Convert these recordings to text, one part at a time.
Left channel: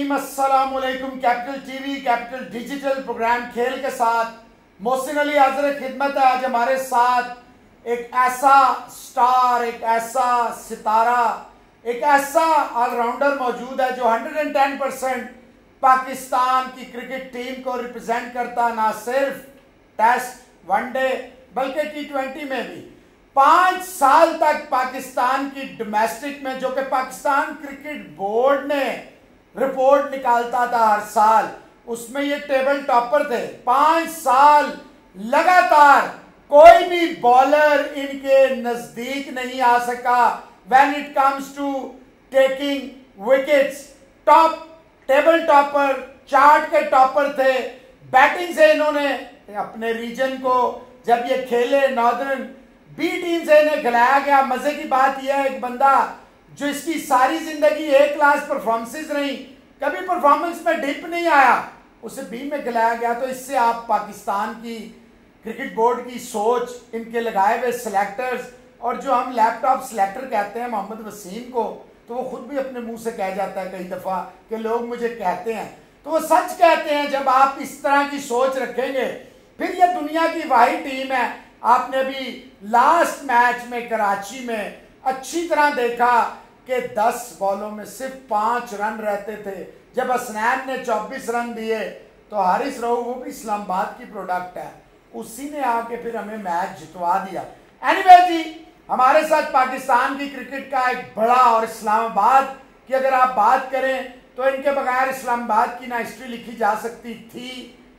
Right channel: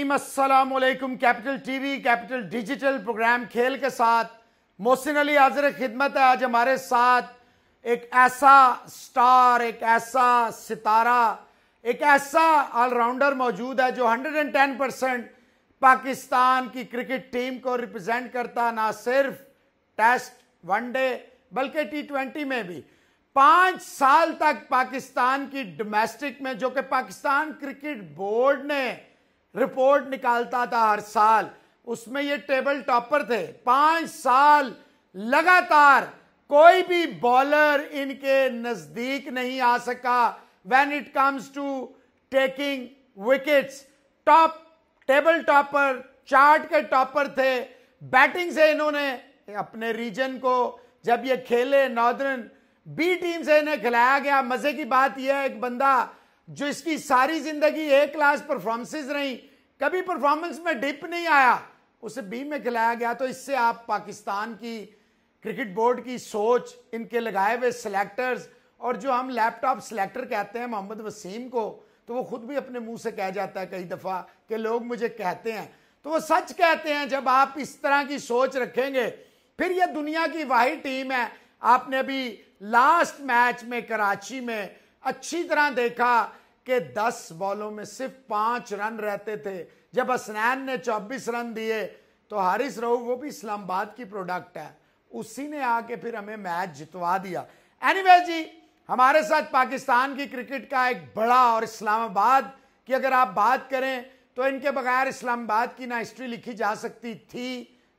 नाज़रीन अस्सलाम वालेकुम। Capital TV capital digital program खेल के साथ मोहसिन अली हाज़िर खिदमत है। आज हमारे साथ एक ऐसा स्टार, एक ऐसा सितारा, एक ऐसा ऑलराउंडर मौजूद है जो 110% पाकिस्तान की क्रिकेट टीम को रिप्रेजेंट करता, ना सिर्फ टेस्ट वनडे बल्कि T20 में भी 5 साल तक पाकिस्तान की डोमेस्टिक में, जो कि पाकिस्तान क्रिकेट बोर्ड ने रिपोर्ट निकालता था हर साल, उसमें ये टेबल टॉपर थे। 5 साल लगातार कोई भी बॉलर इनके नजदीक नहीं आ सका when it comes to taking wickets. Top table topper, chart के टॉपर थे। बैटिंग से इन्होंने अपने रीजन को, जब ये खेले नॉर्दर्न बी टीम से इन्हें खिलाया गया। मजे की बात यह है, एक बंदा जो इसकी सारी जिंदगी ए क्लास परफॉर्मेंसेस रही, कभी परफॉर्मेंस में डिप नहीं आया, उसे बी में खिलाया गया। तो इससे आप पाकिस्तान की क्रिकेट बोर्ड की सोच, इनके लगाए हुए सिलेक्टर्स, और जो हम लैपटॉप सिलेक्टर कहते हैं मोहम्मद वसीम को, तो वो खुद भी अपने मुंह से कह जाता है कई दफा कि लोग मुझे कहते हैं, तो वो सच कहते हैं। जब आप इस तरह की सोच रखेंगे, फिर ये दुनिया की वाहिद टीम है। आपने अभी लास्ट मैच में कराची में अच्छी तरह देखा कि 10 बॉलों में सिर्फ 5 रन रहते थे। जब हसनैन ने 24 रन दिए तो हारिस रऊफ, वो भी इस्लामाबाद की प्रोडक्ट है, उसी ने आके फिर हमें मैच जितवा दिया। एनीवे जी, हमारे साथ पाकिस्तान की क्रिकेट का एक बड़ा, और इस्लामाबाद की अगर आप बात करें तो इनके बगैर इस्लामाबाद की ना हिस्ट्री लिखी जा सकती थी,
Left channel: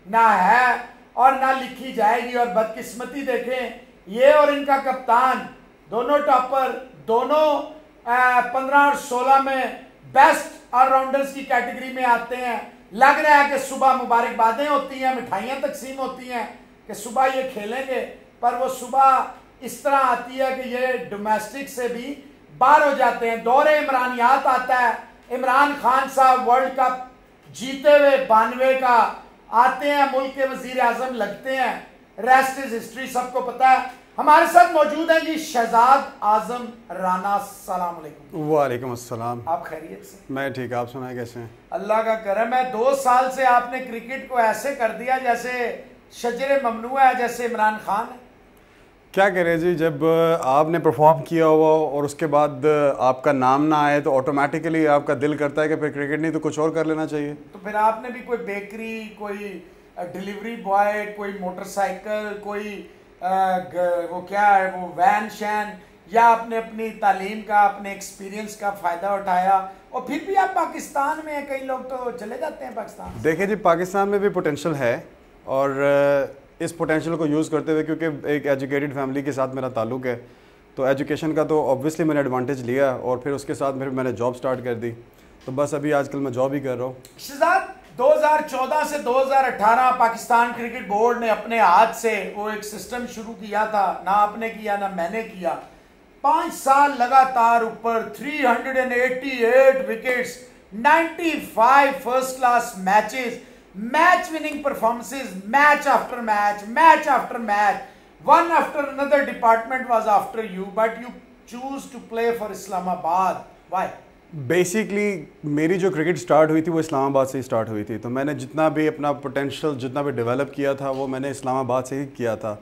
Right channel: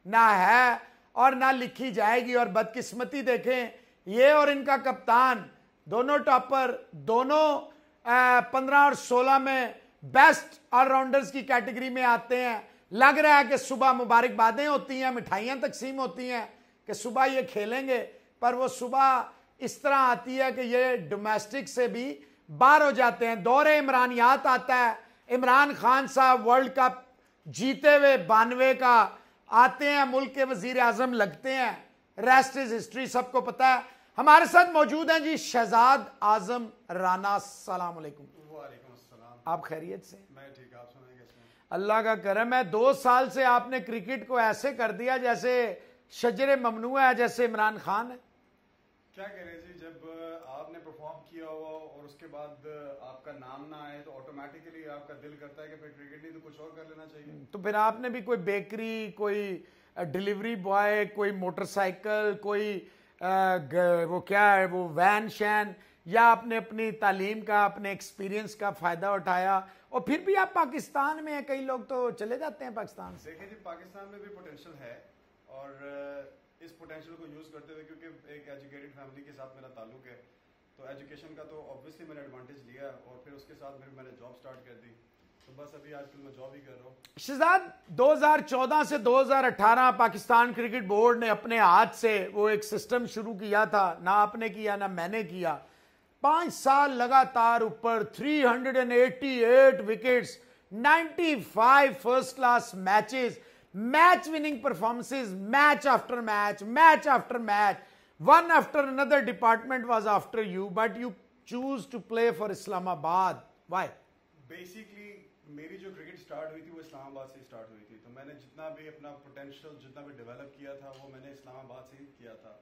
ना है, और ना लिखी जाएगी। और बदकिस्मती देखें, ये और इनका कप्तान दोनों टॉपर, दोनों 15 और 16 में बेस्ट ऑलराउंडर्स की कैटेगरी में आते हैं। लग रहा है कि सुबह मुबारकबादें होती हैं, मिठाइयां तकसीम होती हैं कि सुबह ये खेलेंगे, पर वो सुबह इस तरह आती है कि ये डोमेस्टिक से भी बाहर हो जाते हैं। दौरे इमरानियात आता है, इमरान खान साहब वर्ल्ड कप जीते हुए 92 का आते हैं, मुल्क के वजीर आजम लगते हैं, रेस्ट इज हिस्ट्री, सबको पता है। हमारे साथ मौजूद हैं जी शहजाद आजम राना। सलाम अलैकुम। वालेकुम अस्सलाम। आप खैरियत से? मैं ठीक, आप सुनाए कैसे हैं? अल्लाह का करम है। 2 साल से आपने क्रिकेट को ऐसे कर दिया जैसे शजरे ममनुआ है, जैसे इमरान खान है। क्या करें जी, जब आपने परफॉर्म किया हुआ और उसके बाद आपका नाम ना आए तो ऑटोमेटिकली आपका दिल करता है कि फिर क्रिकेट नहीं तो कुछ और कर लेना चाहिए। तो फिर आपने भी कोई बेकरी, कोई डिलीवरी बॉय, कोई मोटरसाइकिल, कोई वो क्या है, वो वैन शैन, या आपने अपनी तालीम का, अपने एक्सपीरियंस का फ़ायदा उठाया, और फिर भी आप पाकिस्तान में हैं। कई लोग तो चले जाते हैं पाकिस्तान। देखिए जी, पाकिस्तान में भी पोटेंशियल है, और इस पोटेंशियल को यूज़ करते हुए, क्योंकि एक एजुकेटेड फैमिली के साथ मेरा ताल्लुक़ है, तो एजुकेशन का तो ऑब्वियसली मैंने एडवांटेज लिया, और फिर उसके साथ फिर मैंने जॉब स्टार्ट कर दी। तो बस अभी आजकल मैं जॉब ही कर रहा हूँ। शहजाद, 2014 से 2018 पाकिस्तान क्रिकेट बोर्ड ने अपने हाथ से वो एक सिस्टम शुरू किया था, ना आपने किया ना मैंने किया। 5 साल लगातार ऊपर, 388 wickets, 95 first class matches, match winning performances, match after match, match after match, one after another department was after you, but you choose to play for Islamabad. Why? Basically मेरी जो क्रिकेट स्टार्ट हुई थी वो इस्लामाबाद से ही start हुई थी। तो मैंने जितना भी अपना पोटेंशियल, जितना भी डेवलप किया था, वो मैंने इस्लामाबाद से ही किया था।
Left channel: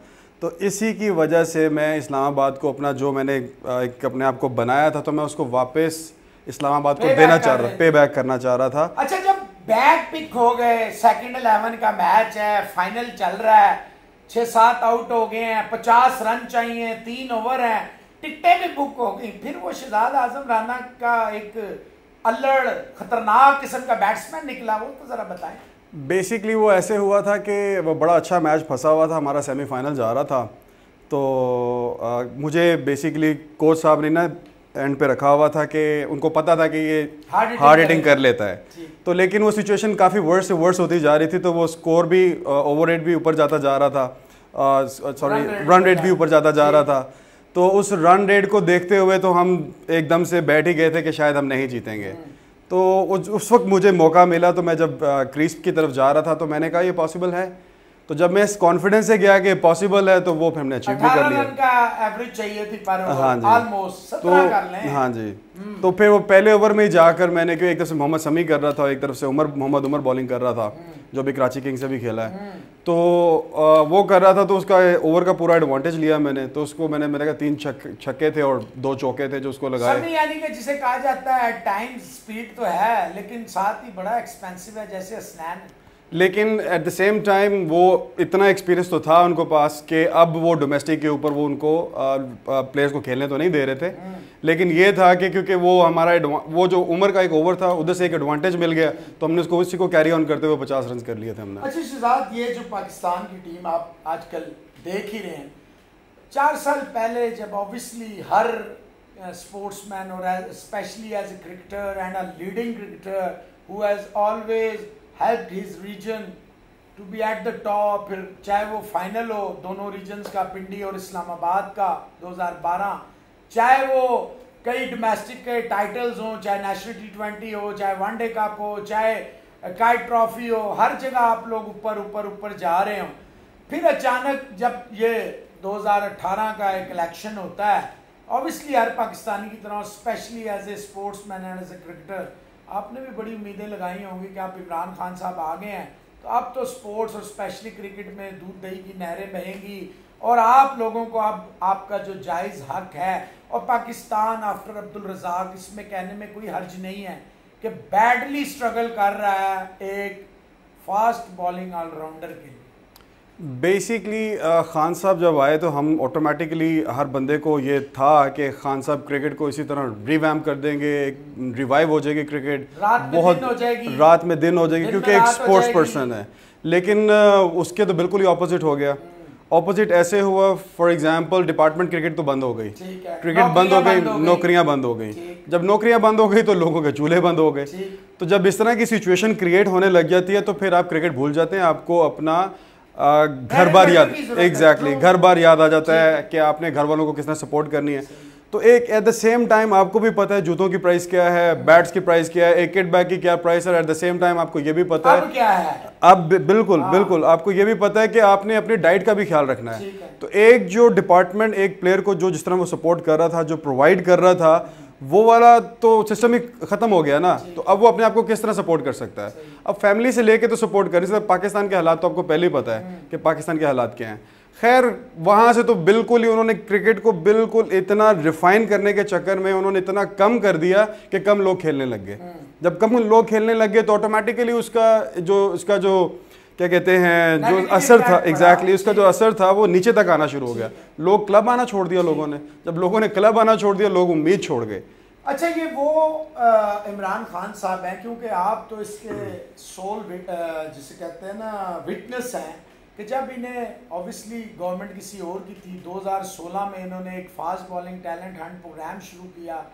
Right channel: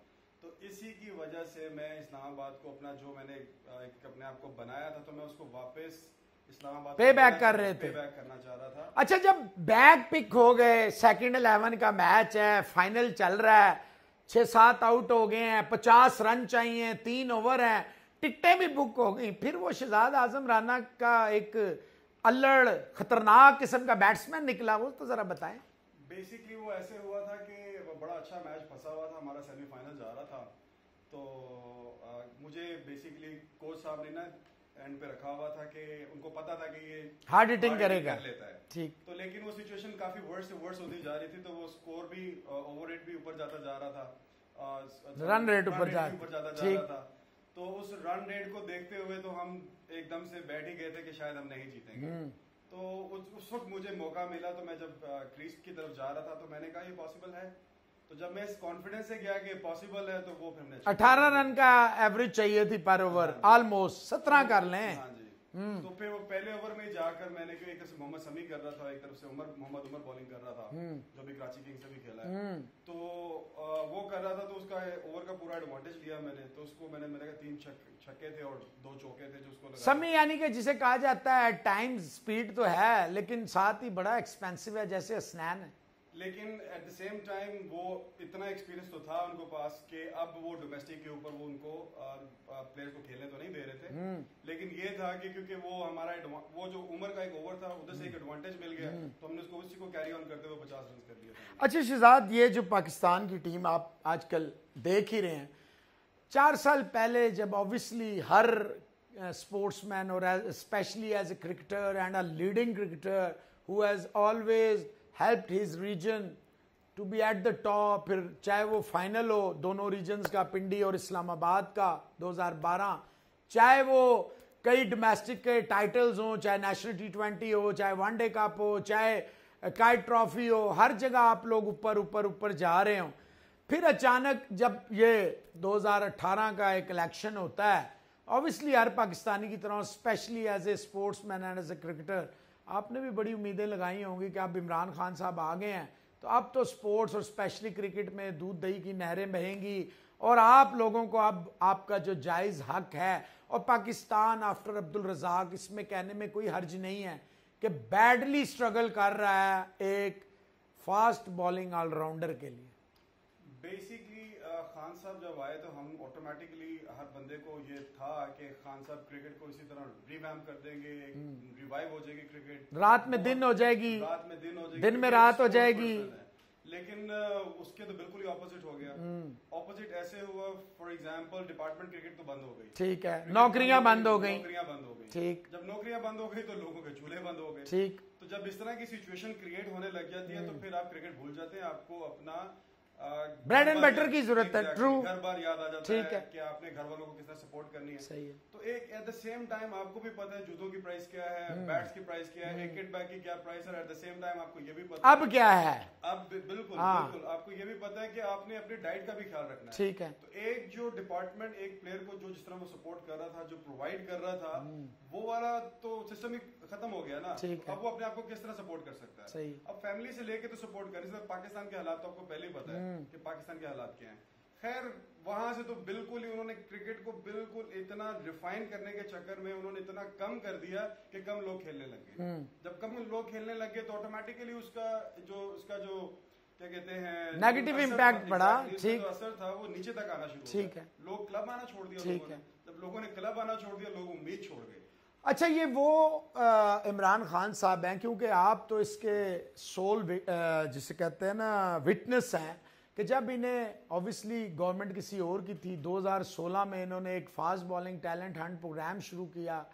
तो इसी की वजह से मैं इस्लामाबाद को अपना, जो मैंने एक अपने आप को बनाया था, तो मैं उसको वापस इस्लामाबाद को देना चाह रहा, पे बैक करना चाह रहा था। अच्छा, जब बैक पिक हो गए, सेकंड 11 का मैच है, फाइनल चल रहा है, 6-7 आउट हो गए हैं, 50 रन चाहिए, 3 ओवर हैं, टिकटें भी बुक हो गई, फिर वो शहजाद आजम राना का एक अल्लड़ खतरनाक किस्म का बैट्समैन निकला, वो तो जरा बताएं। बेसिकली वो ऐसे हुआ था कि वो बड़ा अच्छा मैच फंसा हुआ था, हमारा सेमीफाइनल जा रहा था। तो मुझे बेसिकली कोच साहब ने ना एंड पे रखा हुआ था कि उनको पता था कि ये हार्ड हिटिंग कर लेता है। तो लेकिन वो सिचुएशन काफ़ी वर्स से वर्स होती जा रही थी, तो वो स्कोर भी, ओवर रेट भी ऊपर जाता जा रहा था, सॉरी रन रेट भी ऊपर जाता जा रहा था। तो उस रन रेट को देखते हुए तो हम एकदम से बैठ ही गए थे कि शायद हम नहीं जीतेंगे। तो उस वक्त मुझे मौका मिला, तो मैं जब क्रीज की तरफ जा रहा था तो मैंने कहा ये पॉसिबल है। तो जब मैं इस कॉन्फिडेंस से गया कि पॉसिबल है तो वो फिर हमने अचीव भी कर 18 लिया। रन का एवरेज चाहिए थी पर ओवर, हाँ जी। ऑलमोस्ट 17 कर लें। हाँ जी, तो फिर वो पहले ओवर में ही जाकर मैंने, क्योंकि एक तरफ से मोहम्मद शमी कर रहा था और एक तरफ से मोहम्मद उमर बॉलिंग कर रहा था, जो भी कराची किंग्स से भी खेला है, तो वो कर रहा था, तो उसका ओवर का पूरा एडवांटेज लिया मैंने। तो उसको मैंने कहा 3 छक्के थे और 2 चौके थे जो उसको लगाए। शमी यानी कि जिसे कहा जाता है टाइम स्पीड तो है, लेकिन साथ ही बड़ा एक्सपेंसिव है जैसे हसनैन। लेकिन एट द सेम टाइम वो इतना एक्सपीरियंस तो था उनको पास कि अब वो डोमेस्टिक के ऊपर वो उनको प्लेयर्स को खेलने तो नहीं दे रहे थे, लेकिन ये था कि क्योंकि वो हमारा वो जो उम्र का एक ओवर था उधर से एक एडवांटेज मिल गया, तो हमने उसको उसी को कैरी ऑन करते हुए 50 रन कर लिए थे हमने। अच्छा शहजाद, ये जो पाकिस्तान की टीम आप आजकल देख ही रहे हैं, 4 साल पहले जब ऑब्वियसली हर स्पोर्ट्समैन और specially as a cricketer and a leading cricketer who has always helped his region to be at the top, फिर चाहे वो फाइनल हो दोनों रीजन्स का, पिंडी और इस्लामाबाद का 2012, चाहे वो कई डोमेस्टिक के टाइटल्स हों, चाहे नेशनल T20 हो, चाहे वनडे कप हो, चाहे काइट ट्रॉफी हो, हर जगह आप लोग ऊपर ऊपर ऊपर जा रहे हो। फिर अचानक जब ये 2018 का एक इलेक्शन होता है, ऑब्वियसली हर पाकिस्तानी की तरह specially as a sportsman and as a cricketer आपने भी बड़ी उम्मीदें लगाई होंगी कि आप इमरान खान साहब आ गए हैं तो अब तो स्पोर्ट्स और स्पेशली क्रिकेट में दूध दही की नहरें बहेंगी और आप लोगों को अब आपका जो जायज़ हक है, और पाकिस्तान आफ्टर अब्दुल रज़ाक इसमें कहने में कोई हर्ज नहीं है कि बैडली स्ट्रगल कर रहा है एक फास्ट बॉलिंग ऑलराउंडर के लिए। बेसिकली खान साहब जब आए तो हम ऑटोमेटिकली हर बंदे को ये था कि खान साहब क्रिकेट को इसी तरह रिवैम्प कर देंगे, रिवाइव हो जाएगी क्रिकेट, बहुत रात में दिन हो जाएगी क्योंकि एक स्पोर्ट्स पर्सन है। लेकिन उसके तो बिल्कुल ही ऑपोजिट हो गया। ऑपोजिट ऐसे हुआ, फॉर एग्जांपल डिपार्टमेंट क्रिकेट तो बंद हो गई, क्रिकेट बंद हो गई, नौकरियां बंद हो गई। जब नौकरियां बंद हो गई तो लोगों के चूल्हे बंद हो गए। तो जब इस तरह की सिचुएशन क्रिएट होने लग जाती है तो फिर आप क्रिकेट भूल जाते हैं, आपको अपना घर बार याद, एग्जैक्टली घर बार याद आ जाता है कि आपने घर वालों को किस तरह सपोर्ट करनी है। तो एक एट द सेम टाइम आपको भी पता है जूतों की प्राइस क्या है, बैट्स की प्राइस क्या है, एक किट बैग की क्या प्राइस है, एट द सेम टाइम आपको ये भी पता है क्या है अब बिल्कुल आपको ये भी पता है कि आपने अपनी डाइट का भी ख्याल रखना है। तो एक जो डिपार्टमेंट एक प्लेयर को जो जिस तरह वो सपोर्ट कर रहा था, जो प्रोवाइड कर रहा था, वो वाला तो सिस्टम ही खत्म हो गया ना। तो अब वो अपने आप को किस तरह सपोर्ट कर सकता है? अब फैमिली से लेके तो सपोर्ट कर, जैसे पाकिस्तान के हालात तो आपको पहले ही पता है कि पाकिस्तान के हालात क्या हैं। खैर वहां से तो बिल्कुल ही उन्होंने क्रिकेट को बिल्कुल इतना रिफाइन करने के चक्कर में उन्होंने इतना कम कर दिया कि कम लोग खेलने लग गए। जब कम लोग खेलने लग गए तो ऑटोमेटिकली उसका जो क्या कहते हैं जो असर था, एग्जैक्टली उसका जो असर था वो नीचे तक आना शुरू हो गया। लोग क्लब आना छोड़ दिया लोगों ने, जब लोगों ने क्लब आना छोड़ दिया लोग उम्मीद छोड़ गए। अच्छा, ये वो इमरान खान साहब हैं, क्योंकि आप तो इसके सोल जिसे कहते हैं ना विटनेस हैं कि जब इन्हें ऑब्वियसली गवर्नमेंट किसी और की थी, 2016 में इन्होंने एक fast bowling talent hunt program शुरू किया,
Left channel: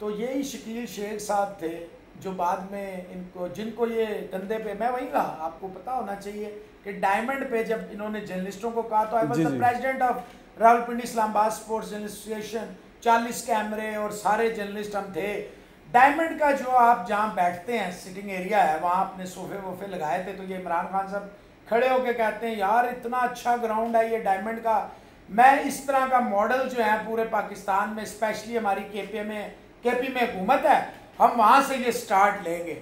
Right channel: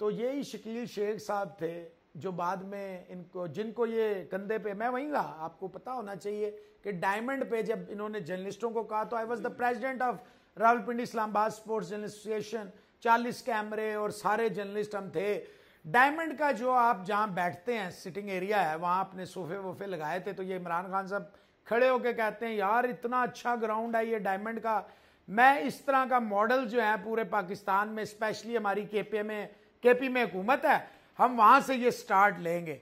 तो यही शकील शेख साहब थे जो बाद में जिनको ये कंधे पे, मैं वहीं रहा, आपको पता होना चाहिए कि डायमंड पे जब इन्होंने जर्नलिस्टों को कहा तो I was the president of Rawalpindi Islamabad sports journalist association, 40 कैमरे और सारे जर्नलिस्ट हम थे। डायमंड का जो आप जहाँ बैठते हैं सिटिंग एरिया है, वहाँ अपने सोफे वोफे लगाए थे, तो ये इमरान खान साहब खड़े होके कहते हैं यार इतना अच्छा ग्राउंड है ये डायमंड का, मैं इस तरह का मॉडल जो है पूरे पाकिस्तान में, स्पेशली हमारी केपी में हुकूमत है, हम वहाँ से ये स्टार्ट लेंगे।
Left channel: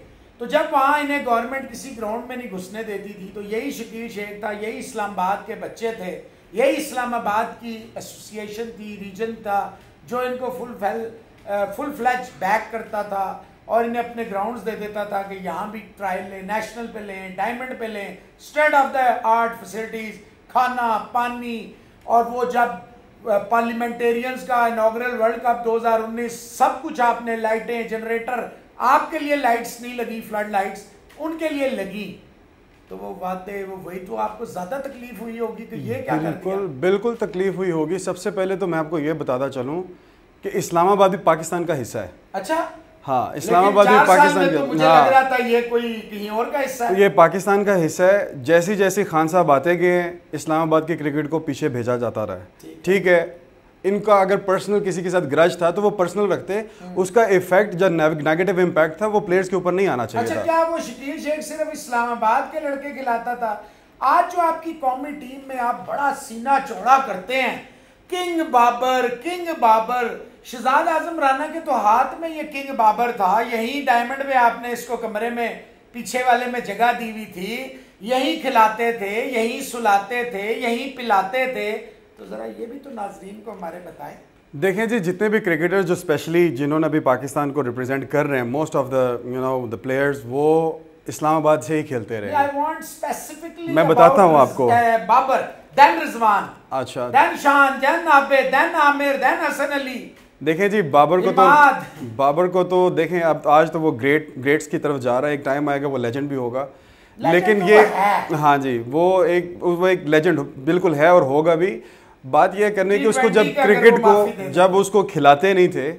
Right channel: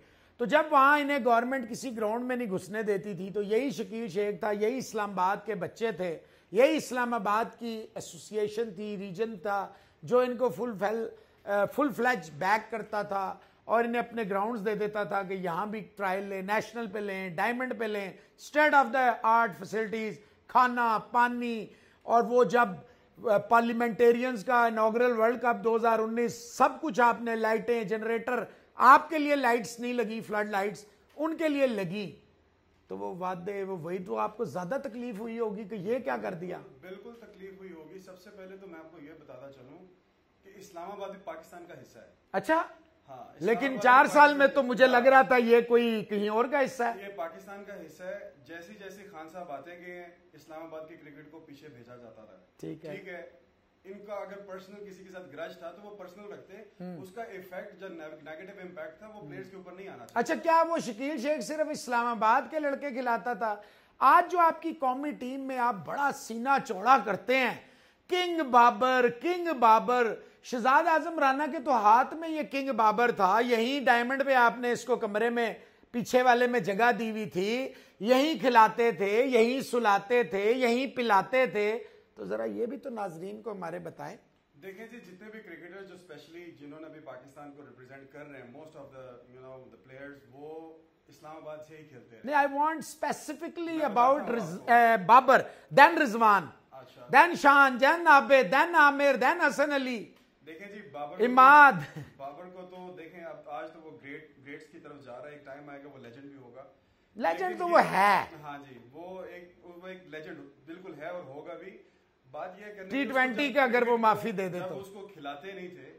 तो जब वहाँ इन्हें गवर्नमेंट किसी ग्राउंड में नहीं घुसने देती थी तो यही शकील शेख था, यही इस्लामाबाद के बच्चे थे, यही इस्लामाबाद की एसोसिएशन थी, रीजन था, जो इनको फुल फ्लैज बैक करता था और इन्हें अपने ग्राउंड्स दे देता था कि यहाँ भी ट्रायल लें, नेशनल पे लें, डायमंड पे लें, state of the art facilities, खाना पानी। और वो जब पार्लियामेंटेरियंस का इनॉग्रल वर्ल्ड कप 2019, सब कुछ आपने, लाइटें, जनरेटर, आपके लिए लाइट्स नहीं लगी, फ्लड लाइट्स उनके लिए लगी, तो वो वादे वो वही, तो आपको ज्यादा तकलीफ हुई होगी कि ये क्या कर दिया? बिल्कुल तकलीफ हुई होगी। सबसे पहले तो मैं आपको ये बताता चलूं कि इस्लामाबाद भी पाकिस्तान का हिस्सा है। अच्छा, हाँ, इस्लामाबाद भी पाकिस्तान का, तो मुझे लग रहा था ये कोई कहीं और का हिस्सा है। ये पाकिस्तान का हिस्सा है। जैसे जैसे खान साहब आते गए इस्लामाबाद के क्रिकेट को पीछे भेजा जाता रहा। ठीक है, इनका अगर पर्सनल किसी के साथ ग्रज था तो वो पर्सनल रखते, उसका इफेक्ट जो नेगेटिव इम्पैक्ट था वो प्लेयर्स के ऊपर नहीं आना चाहिए। अच्छा, क्या वो शकील शेख सिर्फ इस्लामाबाद के लड़के खिलाता था? आज जो आपकी कौमी टीम में आप बड़ा सीना चौड़ा करते हैं, किंग बाबर, शहजाद आजम राना के तो हाथ में ये किंग बाबर था, यही डायमंड में आपने इसको कमरे में पीछे वाले में जगह दी हुई थी, यही खिलाते थे, यही सुलाते थे, यही पिलाते थे। तो जरा ये भी तो नाजरीन को हमारे बताएं। देखें जी, जितने भी क्रिकेटर जो स्पेशली जिन्होंने अभी पाकिस्तान को रिप्रेजेंट कर रहे हैं, मोस्ट ऑफ द प्लेयर्स वो इस्लामाबाद से ही खेलते रहे। I want specifically मैं बताता हूँ आपको। बाबर, then रिजवान, अच्छा, then शान, then Abid, then Aamir, then Hasan Ali. देखें जी, बाबर को तो देखें अब आज तो वो ग्रेट्स की तरफ जा रहा है, एक टाइम आएगा वो लेजेंड भी होगा, लेकिन ये हाँ जी वो एक लेजेंड बिल्कुल है और होगा भी। बात यह करने की उसको जब उसको खिलाते नहीं थे,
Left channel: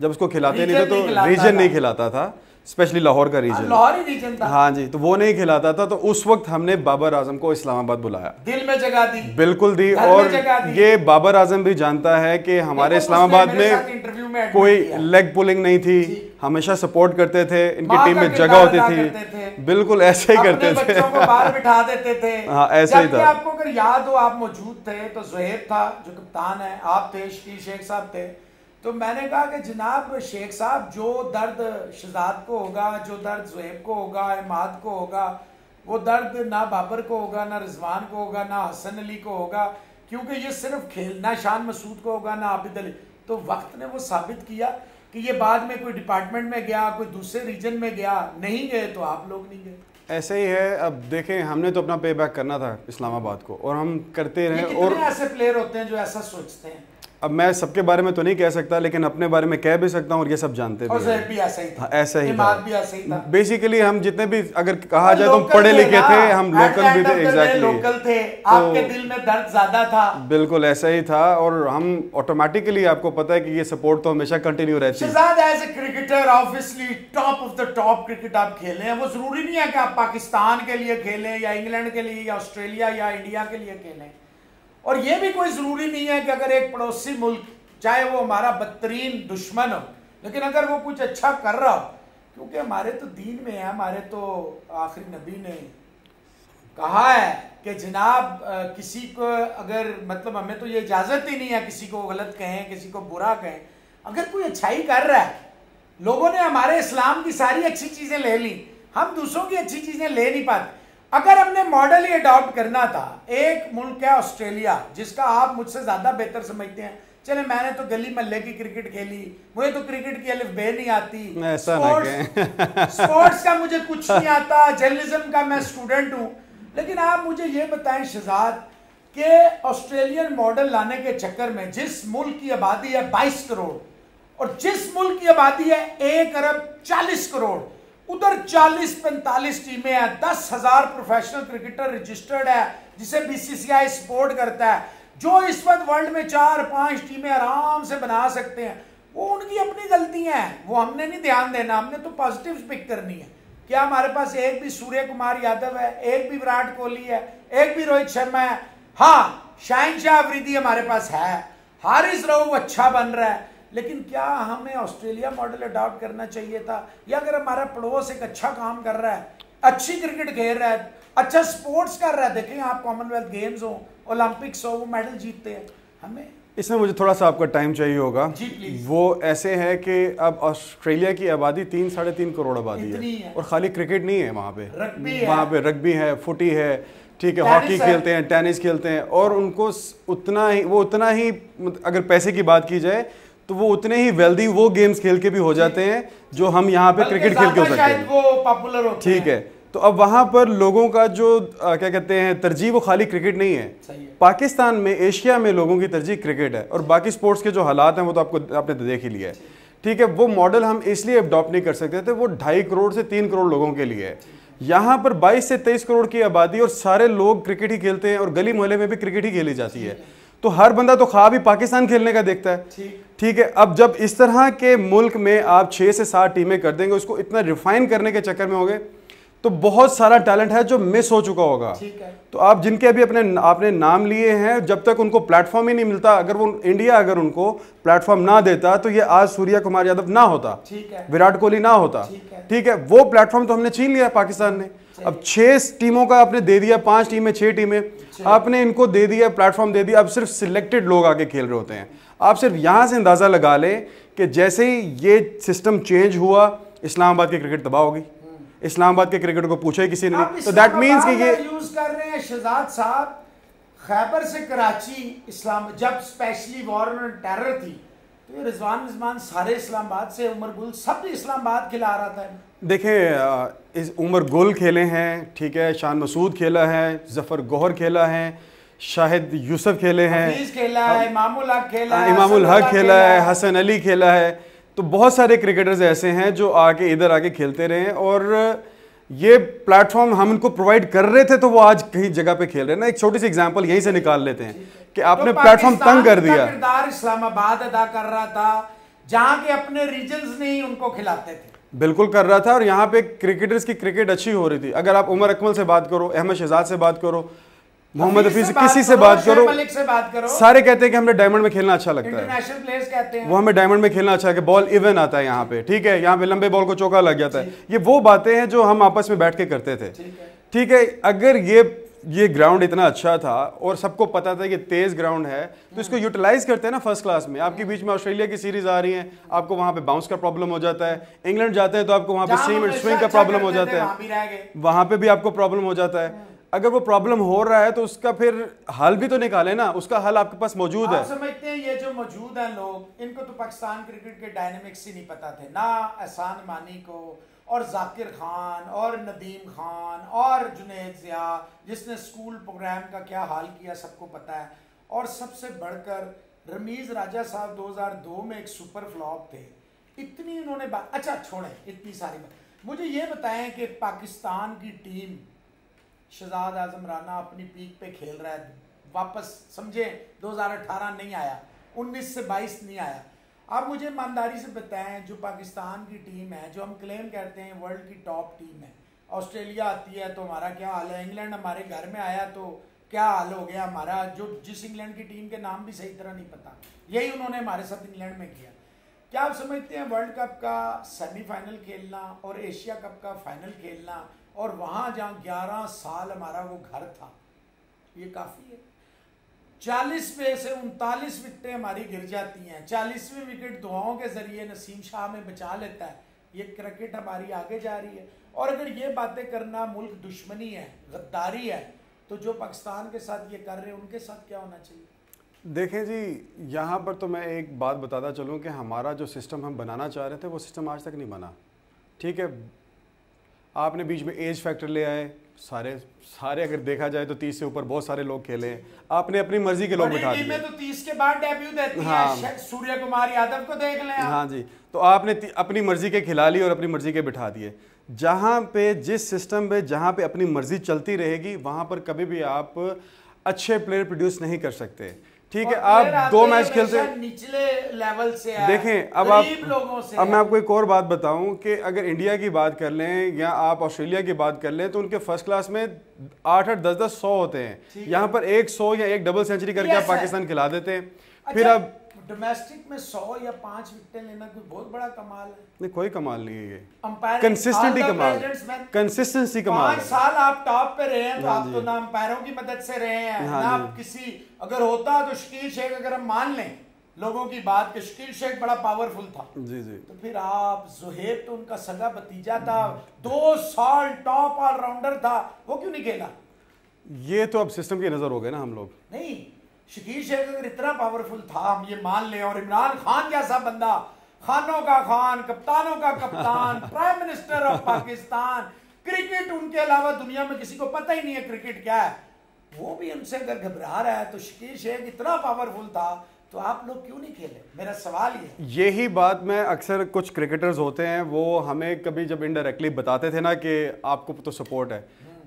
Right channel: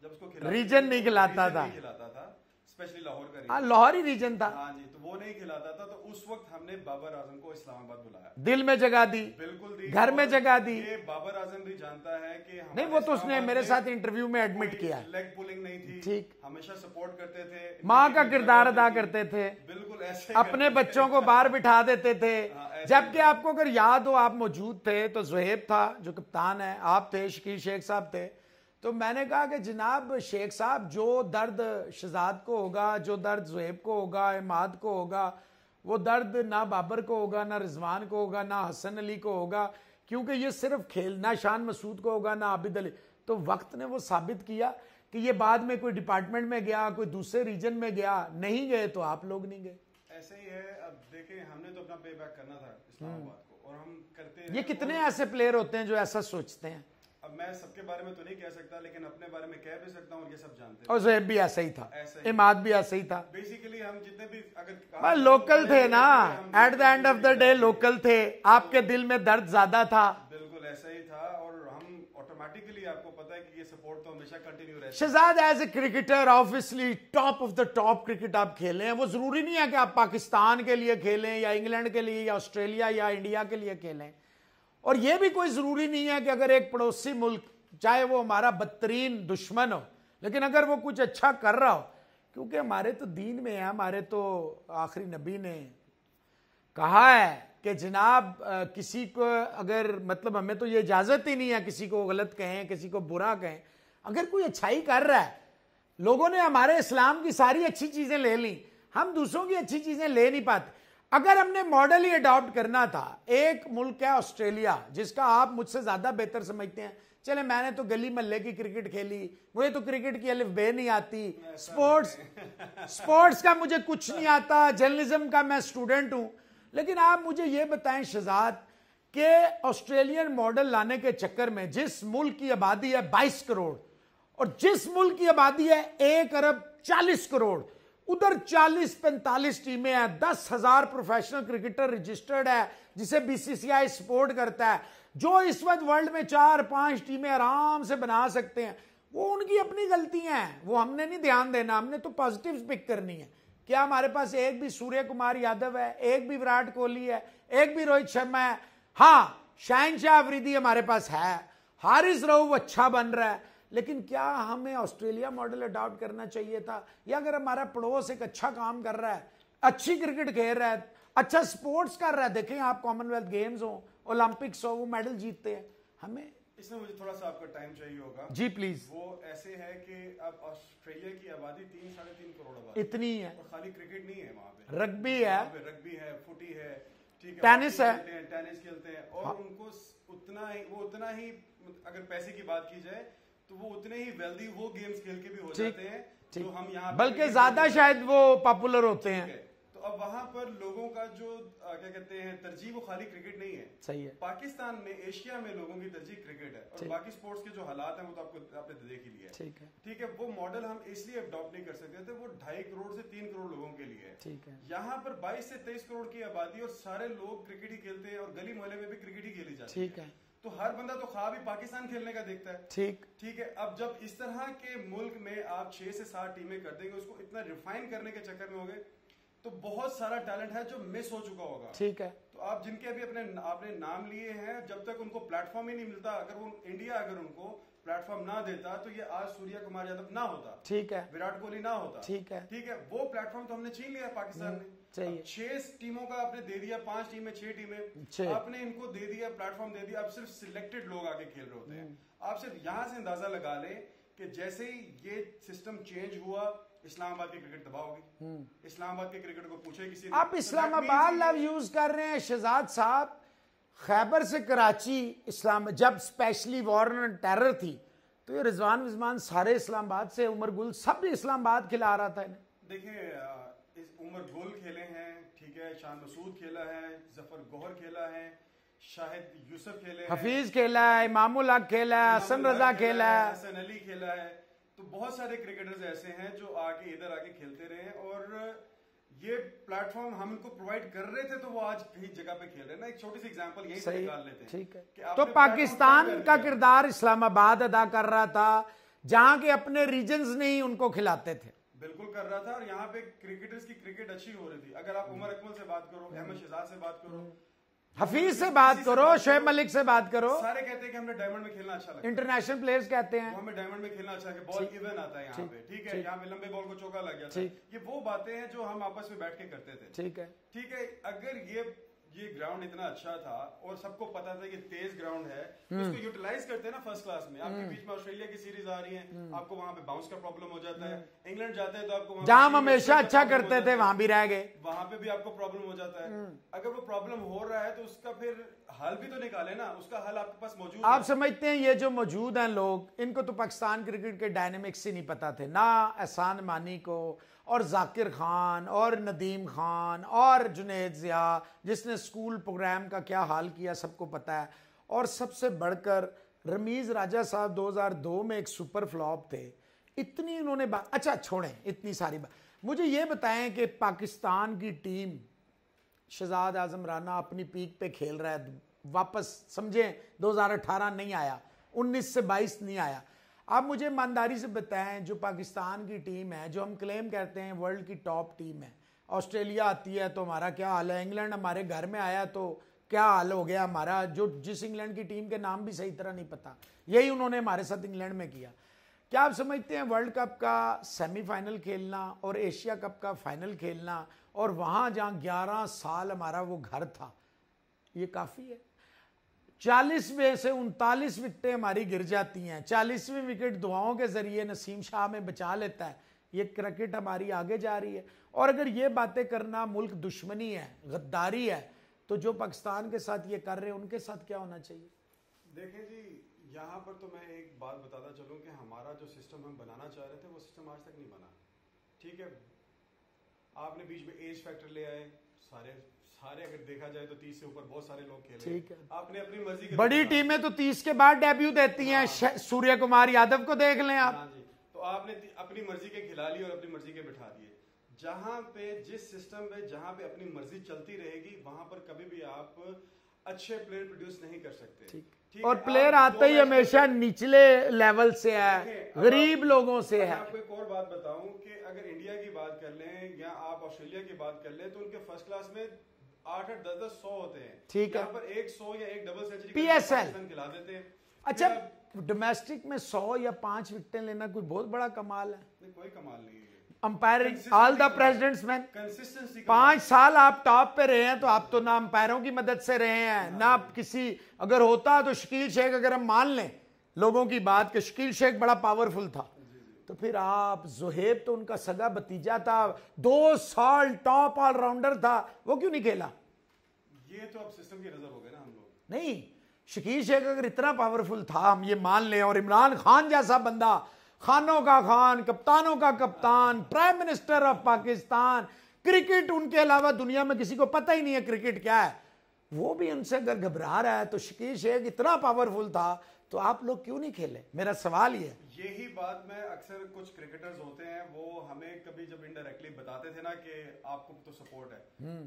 तो रीजन नहीं खिलाता था, स्पेशली लाहौर का रीजन था। हाँ जी, तो वो नहीं खिलाता था, तो उस वक्त हमने बाबर आजम को इस्लामाबाद बुलाया, दिल में जगह दी, बिल्कुल दी। और ये बाबर आजम भी जानता है कि हमारे इस्लामाबाद में कोई लेग पुलिंग नहीं थी, हमेशा सपोर्ट करते थे, इनकी टीम में जगह होती थी, बिल्कुल ऐसे ही करते थे, बच्चों को बाहर बिठा देते थे। हाँ ऐसे ही था। आपको अगर याद हो, आप मौजूद थे, तो ज़ुहैब था जो कप्तान है, आप थे, शकील शेख साहब थे, तो मैंने कहा कि जनाब शेख साहब, जो दर्द शहजाद को होगा, जो दर्द ज़ुहैब को होगा, इमाद को होगा, वो दर्द ना बाबर को होगा, ना रिजवान को होगा, ना हसन अली को होगा, क्योंकि ये सिर्फ खेलना शान मसूद को होगा, ना आबिद अली। तो वक्त ने वो साबित किया कि ये बाद में कोई डिपार्टमेंट में गया, कोई दूसरे रीजन में गया, नहीं गए तो आप लोग नहीं गए। ऐसे ही है। अब देखें, हमने तो अपना पे बैक करना था इस्लामाबाद को, और हम करते रहे। और ऐसे प्लेयर होते हैं जो ऐसा सोचते हैं। अब मैं सबके बारे में तो नहीं कह सकता, लेकिन अपने बारे में कह भी सकता हूँ, और ये सब जानते भी ऐसा ही था। बेसिकली हम जितने भी अगर कहा जाए तो हम पढ़े लिखे थे, हम लोकल भी थे, एग्जैक्टली लोकल थे। आपके दिल में दर्द ज्यादा था। बिल्कुल ऐसा ही था, और हम ऑटोमेटिकली, आपको पता है कि ये सपोर्ट तो हमेशा कंटिन्यू रहती है। Shahzad as a cricketer obviously top of the top cricket आप खेले हैं। वो जरूरी नहीं है कि आप पाकिस्तान के लिए खेलें, या इंग्लैंड के लिए, या ऑस्ट्रेलिया या इंडिया के लिए खेलें, और ये भी कोई जरूरी नहीं है कि अगर एक पड़ोसी मुल्क, चाहे वो हमारा बदतरीन दुश्मन हो, लेकिन अगर वो कुछ अच्छा कर रहा हो, क्योंकि हमारे तो दीन में है, हमारे तो आखिरी नबी ने कहा है कि जनाब किसी को अगर, मतलब हमें तो ये इजाजत ही नहीं है किसी को गलत कहें, किसी को बुरा कहें। अगर कोई अच्छाई कर रहा है, लोगों ने हमारे इस्लाम की सारी अच्छी चीजें ले ली, हम दूसरों की अच्छी चीजें ले नहीं पाते। अगर अपने मॉडल ही अडॉप्ट करना था, एक मुल्क है ऑस्ट्रेलिया, जिसका आप मुझसे ज्यादा बेहतर समझते हैं। चले, मैंने तो गली मोहल्ले की क्रिकेट खेली, मुझे तो क्रिकेट की अलिफ बे नहीं आती, स्पोर्ट्स का मुझे कुछ नहीं आता, जर्नलिज्म का मैं स्टूडेंट हूं। लेकिन आप मुझे ये बताएं शहजाद, के ऑस्ट्रेलियन मॉडल लाने के चक्कर में जिस मुल्क की आबादी है 22 करोड़, और जिस मुल्क की आबादी है 1 अरब 40 करोड़, उधर 40-45 टीमें हैं, 10,000 प्रोफेशनल क्रिकेटर रजिस्टर्ड है, जिसे बीसीसीआई सपोर्ट करता है, जो इस वक्त वर्ल्ड में 4-5 टीमें आराम से बना सकते हैं। वो उनकी अपनी गलतियां हैं, वो हमने नहीं ध्यान देना, हमने तो पॉजिटिव पिक करनी है। क्या हमारे पास एक भी सूर्य कुमार यादव है, एक भी विराट कोहली है, एक भी रोहित शर्मा है? हाँ, शाहिनशाह अफरीदी हमारे पास है, हारिस रऊफ अच्छा बन रहा है, लेकिन क्या हमें ऑस्ट्रेलिया मॉडल अडॉप्ट करना चाहिए था? या अगर हमारा पड़ोस एक अच्छा काम कर रहा है, अच्छी क्रिकेट खेल रहा है, अच्छा स्पोर्ट्स कर रहा है, देखें आप कॉमनवेल्थ गेम्स हो, ओलंपिक्स हो, वो मेडल जीतते हैं, हमें इसमें मुझे थोड़ा सा आपका टाइम चाहिए होगा जी प्लीज। वो ऐसे है कि अब ऑस्ट्रेलिया की आबादी 3-3.5 करोड़ आबादी है, और खाली क्रिकेट नहीं है वहाँ पे, वहाँ पे रग्बी है, फुटी है, ठीक है, हॉकी खेलते हैं, टेनिस खेलते हैं, और उनको उतना ही अगर पैसे की बात की जाए तो वो उतने ही वेल्दी वो गेम्स खेल के भी हो जाते हैं जो हम यहाँ पे क्रिकेट खेल के हो सकते हैं, वो पॉपुलर होते हैं। ठीक है, तो अब वहाँ पर लोगों का जो क्या कहते हैं तरजीह, वो खाली क्रिकेट नहीं है। सही है। पाकिस्तान में, एशिया में लोगों की तरजीह क्रिकेट है, और बाकी स्पोर्ट्स के जो हालात हैं वो तो आपने तो देख ही लिया है, ठीक है। वो मॉडल हम इसलिए अडॉप्ट नहीं कर सकते थे, वो 2.5 करोड़ से 3 करोड़ लोगों के लिए है। यहाँ पर 22 से 23 करोड़ की आबादी, और सारे लोग क्रिकेट ही खेलते हैं, और गली मोहल्ले में भी क्रिकेट ही खेली जाती है, तो हर बंदा तो ख्वाब ही पाकिस्तान खेलने का देखता है, ठीक है। अब जब इस तरह के मुल्क में आप 6 से 7 टीमें कर देंगे, उसको इतना रिफाइन करने के चक्कर में होंगे, तो बहुत सारा टैलेंट है जो मिस हो चुका होगा। ठीक है। तो आप जिनके अभी आपने नाम लिए हैं, जब तक उनको प्लेटफॉर्म ही नहीं मिलता, अगर वो इंडिया अगर उनको प्लेटफॉर्म ना देता तो ये आज सूर्य कुमार यादव ना होता, ठीक है, विराट कोहली ना होता। ठीक है, वो प्लेटफॉर्म तो हमने छीन लिया पाकिस्तान ने। अब 6 टीमों का आपने दे दिया, 5 टीमें 6 टीमें आपने इनको दे दिया, प्लेटफॉर्म दे दिया। अब सिर्फ सिलेक्टेड लोग आगे खेल रहे होते हैं। आप सिर्फ यहां से अंदाजा लगा लें कि जैसे ही ये सिस्टम चेंज हुआ, इस्लामाबाद की क्रिकेट तबाह होगी। इस्लामाबाद के क्रिकेट को पूछा ही किसी ने नहीं। तो दैट मींस कि ये यूज कर रहे हैं शहजाद साहब, खैबर से कराची इस्लाम, जब स्पेशली वॉर ऑन टेरर थी तो ये रिजवान सारे इस्लामाबाद से, उमर गुल सब इस्लामाबाद खिला रहा था। देखें, इस उमर गुल खेले हैं, ठीक है, शान मसूद खेला है, जफर गौहर खेला है, शाहिद यूसुफ खेले हैं, खेला है, इमामुल हक खेला है, हसन अली खेला है। तो बहुत सारे क्रिकेटर्स ऐसे हैं जो आके इधर आके खेलते रहे हैं, और ये प्लेटफॉर्म हम इनको प्रोवाइड कर रहे थे तो वो आज कहीं जगह पे खेल रहे हैं ना। एक छोटी सी एग्जांपल यहीं से निकाल लेते हैं कि आपने प्लेटफॉर्म तंग कर दिया। किरदार इस्लामाबाद अदा कर रहा था, जहां के अपने रीजन्स नहीं उनको खिलाते थे। बिल्कुल कर रहा था, और यहाँ पे क्रिकेटर्स की क्रिकेट अच्छी हो रही थी। अगर आप उमर अकमल से बात करो, अहमद शहजाद से बात करो, मोहम्मद हफीज से, किसी से बात करो, मलिक से बात करो, सारे कहते हैं कि हमें डायमंड में खेलना अच्छा लगता है। इंटरनेशनल प्लेयर्स कहते हैं वो हमें डायमंड में खेलना अच्छा है कि बॉल इवन आता है यहाँ पे, ठीक है, यहाँ पे लंबे बॉल को चौका लग जाता है। ये वो बातें हैं जो हम आपस में बैठ के करते थे। ठीक है, अगर ये ग्राउंड इतना अच्छा था और सबको पता था कि तेज ग्राउंड है, तो इसको यूटिलाइज करते हैं ना फर्स्ट क्लास में। आपके बीच में ऑस्ट्रेलिया की सीरीज आ रही है, आपको वहां पे बाउंस का प्रॉब्लम हो जाता है। इंग्लैंड जाते हैं तो आपको वहां पे स्विंग का प्रॉब्लम हो जाता है, वहां पे भी आपको प्रॉब्लम हो जाता है। अगर वो प्रॉब्लम हो रहा है तो उसका फिर हल भी तो निकाले ना, उसका हल आपके पास मौजूद है। आप समझते हैं ये जो मौजूद हैं लोग, इनको तो पाकिस्तान क्रिकेट के डायनेमिक्स से नहीं पता थे ना। एहसान मानी को और जाकिर खान और नदीम खान और जुनैद जिया, जिसने स्कूल प्रोग्राम का क्या हाल किया सबको पता है। और सबसे बढ़कर रमीज राजा साहब 2002 में एक सुपर फ्लॉप थे। इतनी इन्होंने बात, अच्छा छोड़ें इतनी सारी बात, मुझे ये बताएं कि पाकिस्तान की टीम, शहजाद आजम राना अपनी पीक पे खेल रहा है, वापस समझे 2018 नहीं आया, 19 से 22 नहीं आया। आप मुझे ईमानदारी से बताएं, जो पाकिस्तान की टीम है, जो हम क्लेम करते हैं वर्ल्ड की टॉप टीम है, ऑस्ट्रेलिया आती है तो हमारा क्या हाल है, इंग्लैंड हमारे घर में आया तो क्या हाल हो गया हमारा, जो जिस इंग्लैंड की टीम के नाम भी सही तरह नहीं पता, यही उन्होंने हमारे साथ इंग्लैंड में किया। क्या आप समझते हैं वर्ल्ड कप का सेमीफाइनल खेलना और एशिया कप का फाइनल खेलना, और वहां जहां 11 साल हमारा वो घर था, ये काफी है? 40 में से 39 विकेटें हमारी गिर जाती हैं, 40वीं विकेट दुआओं के जरिए नसीम शाह में बचा लेता है। ये क्रिकेट हमारी आगे जा रही है। और अगर ये बातें करना मुल्क दुश्मनी है, गद्दारी है, तो जो पाकिस्तान के साथ ये कर रहे हैं उनके साथ क्या होना चाहिए? देखें जी, यहाँ पर तो मैं एक बात बताता चलूँ कि हमारा जो सिस्टम हम बनाना चाह रहे थे वो सिस्टम आज तक नहीं बना। ठीक है, आपने बीच में एज फैक्टर ले आए, सारे अगर देखा जाए तो 30 से ऊपर बहुत सारे लोग खेले, आपने अपनी मर्जी के लोग बिठा दिए। टीमें तो 30 के बाद डेब्यू देती हैं, सूर्य कुमार यादव को देख लें। हाँ जी, तो आपने अपनी मर्जी के खिला लिए और अपनी मर्जी के बिठा दिए। जहाँ पे जिस सिस्टम पे जहाँ पे अपनी मर्जी चलती रहेगी, वहाँ पर कभी भी आप अच्छे प्लेयर प्रोड्यूस नहीं कर सकते। ठीक है, आप 2 मैच खेलते निचले लेवल से है, देखें, अब गरीब लोगों से। अब मैं आपको एक और बात बताऊं कि अगर इंडिया की बात कर लें या आप ऑस्ट्रेलिया की बात कर लें, तो उनके फर्स्ट क्लास में 8-8, 10-10, 100 होते हैं। यहाँ पर 100 या एक डबल सेंचुरी करके आप पाकिस्तान खिला देते हैं। फिर अब डोमेस्टिक में 100 या 5 विकेटें लेना कोई बहुत बड़ा कमाल है? नहीं, कोई कमाल नहीं है ये। कंसिस्टेंसी कमाल, कंसिस्टेंसी कमाल। 5 साल आप टॉप पे रहे हैं, तो आप तो ना अंपायरों की मदद से रहे हैं, ना किसी, अगर होता तो शकील शेख, अगर हम मान लें लोगों की बात कि शकील शेख बड़ा पावरफुल था, जी जी, तो फिर आप जुहैब तो उनका सगा भतीजा था, 2 साल टॉप ऑलराउंडर था, वो क्यों नहीं खेला? ये तो अब सिस्टम की नजर हो गए ना हम लोग। नहीं, शकील शेख अगर इतना पावरफुल था, हम ये मान लें, और इमरान खान जैसा बंदा, खानों का खान, कप्तानों का कप्तान, prime minister of Pakistan, cricket उनके अलावा दुनिया में किसी को पता ही नहीं है क्रिकेट क्या है, वो भी उनसे अगर घबरा रहा है, तो शकील शेख इतना पावरफुल था, तो आप लोग क्यों नहीं खेले? मेरा सवाल ये। यही बात मैं अक्सर, कुछ क्रिकेटर्स होते हैं वो हमें कभी जब इनडायरेक्टली बताते थे ना कि आपको तो सपोर्ट है,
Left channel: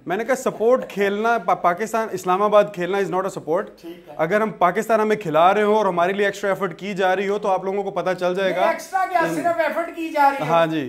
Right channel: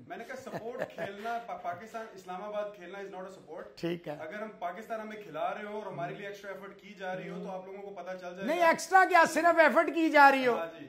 मैंने कहा सपोर्ट खेलना, पाकिस्तान इस्लामाबाद खेलना इज नॉट अ सपोर्ट। अगर हम पाकिस्तान हमें खिला रहे हो और हमारे लिए एक्स्ट्रा एफर्ट की जा रही हो, तो आप लोगों को पता चल जाएगा। एक्स्ट्रा क्या, सिर्फ एफर्ट की जा रही है। हाँ जी,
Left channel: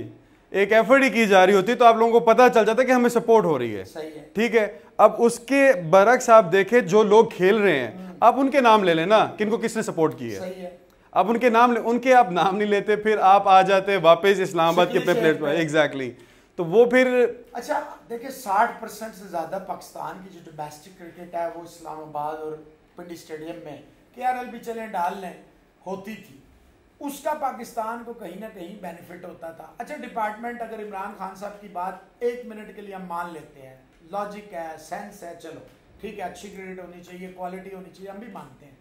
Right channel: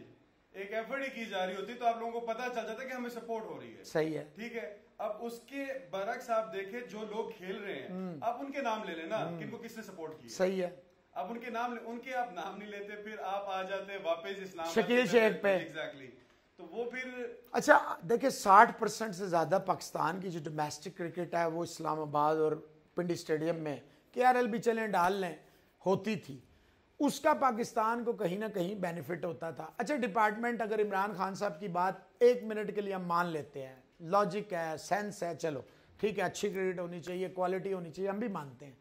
एक एफर्ट ही की जा रही होती तो आप लोगों को पता चल जाता कि हमें सपोर्ट हो रही है। सही है, ठीक है। अब उसके बरक्स आप देखें जो लोग खेल रहे हैं, आप उनके नाम ले लेना किनको किसने सपोर्ट की है। सही है। आप उनके नाम उनके आप नाम नहीं लेते, फिर आप आ जाते वापस इस्लामाबाद के अपने प्लेट पर। एग्जैक्टली। तो वो फिर अच्छा देखिए 60% से ज्यादा पाकिस्तान की जो डोमेस्टिक क्रिकेट है वो इस्लामाबाद और पिंडी स्टेडियम में KRL भी चलें डाल लें होती थी, उसका पाकिस्तान को कहीं ना कहीं बेनिफिट होता था। अच्छा डिपार्टमेंट, अगर इमरान खान साहब की बात 1 मिनट के लिए हम मान लेते हैं, लॉजिक है, सेंस है, चलो ठीक है, अच्छी क्रिकेट होनी चाहिए, क्वालिटी होनी चाहिए, हम भी मानते हैं।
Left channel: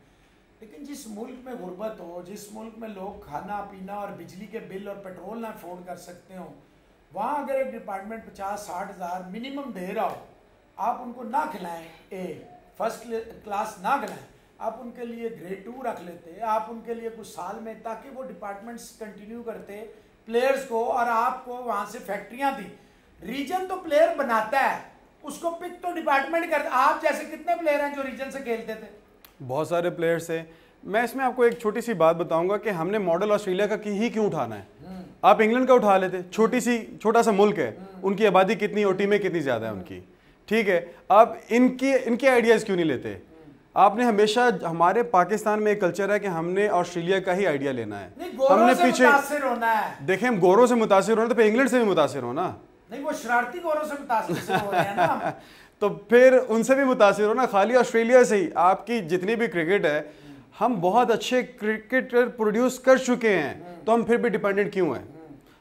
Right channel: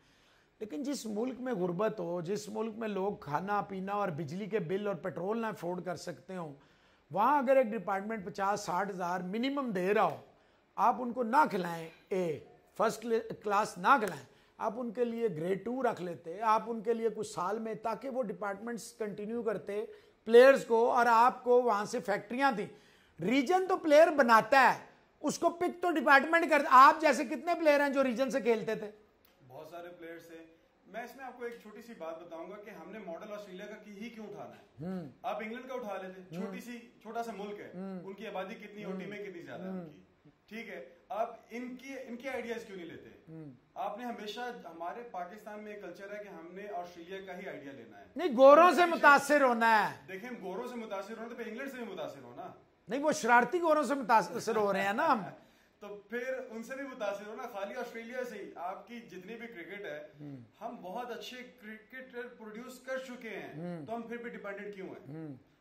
लेकिन जिस मुल्क में गुर्बत हो, जिस मुल्क में लोग खाना पीना और बिजली के बिल और पेट्रोल ना अफोर्ड कर सकते हो, वहाँ अगर एक डिपार्टमेंट 50-60 हज़ार मिनिमम दे रहा हो, आप उनको ना खिलाएं, फर्स्ट क्लास ना खिलाएं, आप उनके लिए ग्रेड 2 रख लेते, आप उनके लिए कुछ साल में, ताकि वो डिपार्टमेंट्स कंटिन्यू करते प्लेयर्स को, और आपको वहाँ से फैक्ट्रियाँ दी। रीजन तो प्लेयर बनाता है, उसको पिक तो डिपार्टमेंट करता। आप जैसे कितने प्लेयर हैं जो रीजन से खेलते थे? बहुत सारे प्लेयर्स थे। मैं इसमें आपको एक छोटी सी बात बताऊंगा कि हमने मॉडल ऑस्ट्रेलिया का ही क्यों उठाना है। आप इंग्लैंड का उठा लेते, छोटा सा मुल्क है, उनकी आबादी कितनी, ओटी में कितनी ज्यादा है उनकी, ठीक है। आप इनके आइडियाज क्यों नहीं लेते? आपने हमेशा, हमारे पाकिस्तान में एक कल्चर है कि हमने ऑस्ट्रेलिया का ही आइडिया लेना है। नहीं, गोरों से मुतासिर होना है। देखें, हम गोरों से मुतासिर होना तो फिर इंग्लैंड से भी मुतासिर होना। नहीं, वो शरारती गोरों से मुतासिर हो रहे हैं ना। तो फिर उनसे भी मुतासिर होना, खाली ऑस्ट्रेलिया से ही। आपकी जितनी भी क्रिकेट है, हम बहुत अच्छे क्रिकेटर प्रोड्यूस कर चुके हैं, तो हम फिर भी डिपेंडेंट क्यों हैं?